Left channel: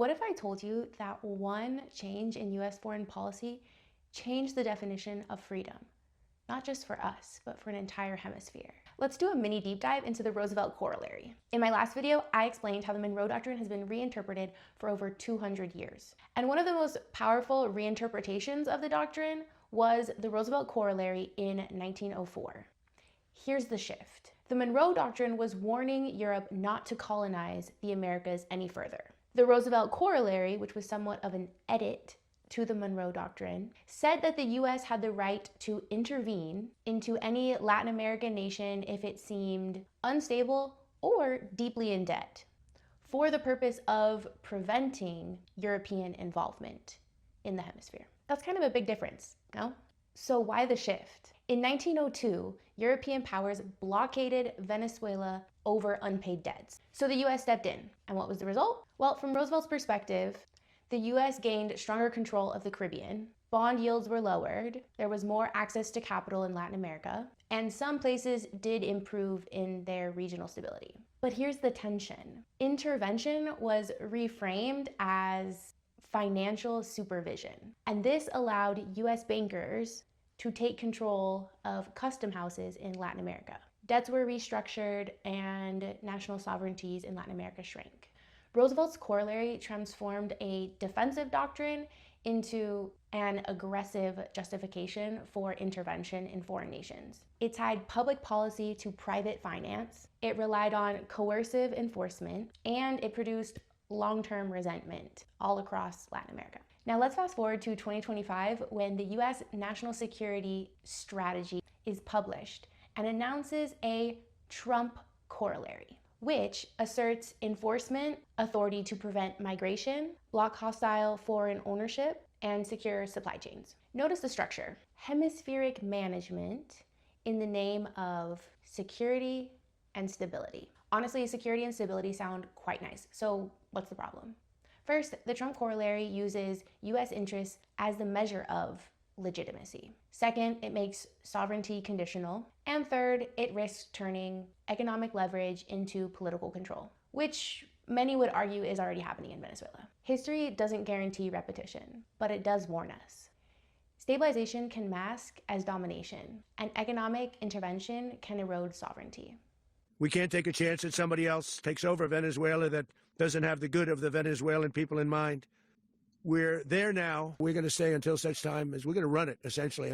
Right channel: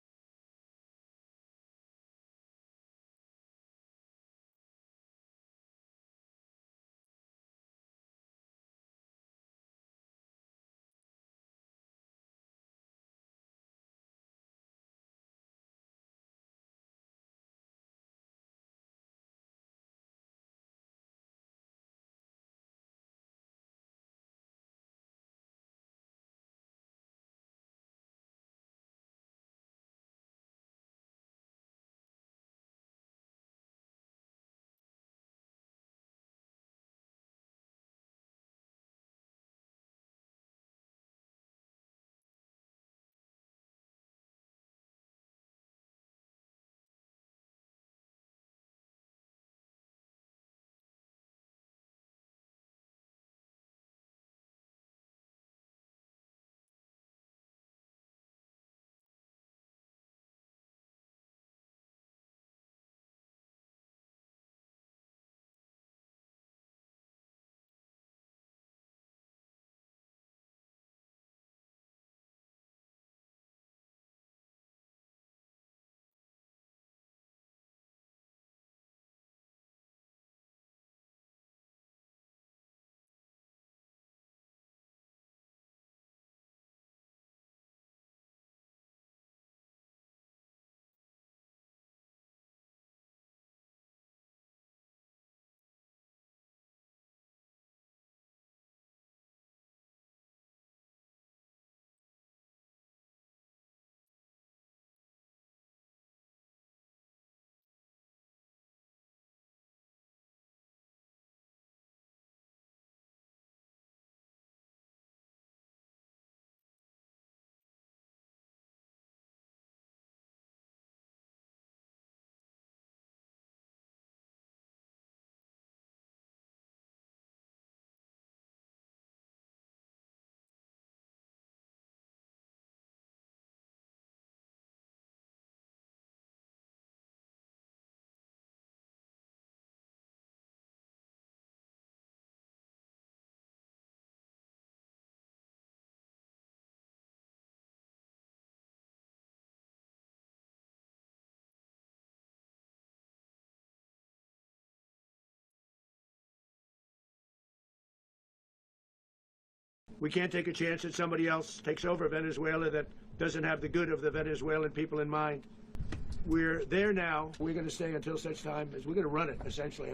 What if I told you that one change in US foreign policy changed the definition of freedom? Not just for us, but for an entire hemisphere. Let's do a mini deep dive into the Roosevelt Corollary. In my last video, I explained how the Monroe Doctrine has been reinterpreted for over 200 years. And one of the most powerful reinterpretations of the doctrine was the Roosevelt Corollary in 1904. Here's the shift. The Monroe Doctrine was warning Europe not to colonize the Americas any further. The Roosevelt Corollary, which was somewhat of an edit to the Monroe Doctrine, said that the US had the right to intervene into any Latin American nation if it seemed unstable or deeply in debt, for the purpose of preventing European involvement in the hemisphere. That's kind of a big difference, no? So why the shift? In 1902, European powers blockaded Venezuela over unpaid debts. So the US stepped in. And what was the result? Well, from Roosevelt's perspective, the US gained stronger control of the Caribbean, bond yields were lowered, there was more access to capital in Latin America, and some places did improve in their regional stability. But here's the tension. Intervention was reframed as financial supervision, and this allowed US bankers to take control of custom houses in Latin America. Debts were restructured and national sovereignties in Latin America shrank. Roosevelt's corollary transformed a defensive doctrine into an aggressive justification for intervention in foreign nations. It tied public policy to private finance, it relied on coercive enforcement, and it produced long-term resentment all across Latin America. Now let's fast forward to 2025 when the US National Security Strategy is published and announces a Trump corollary, which asserts enforcement authority to prevent migration, block hostile foreign ownership, and secure supply chains. Notice the structure. Hemispheric management in the name of security and stability. Honestly, security and stability sound quite nice. So what's the problem? First, the Trump corollary uses US interests as the measure of legitimacy. Second, it makes sovereignty conditional. And third, it risks turning economic leverage into political control, which many would argue is already happening in Venezuela. History doesn't guarantee repetition, but it does warn us. Stabilization can mask as domination, and economic intervention can erode sovereignty. We can't take a chance that somebody else takes over Venezuela that doesn't have the good of the Venezuelan people in mind. We're there now. We're going to stay until such time as we're going to run it, essentially.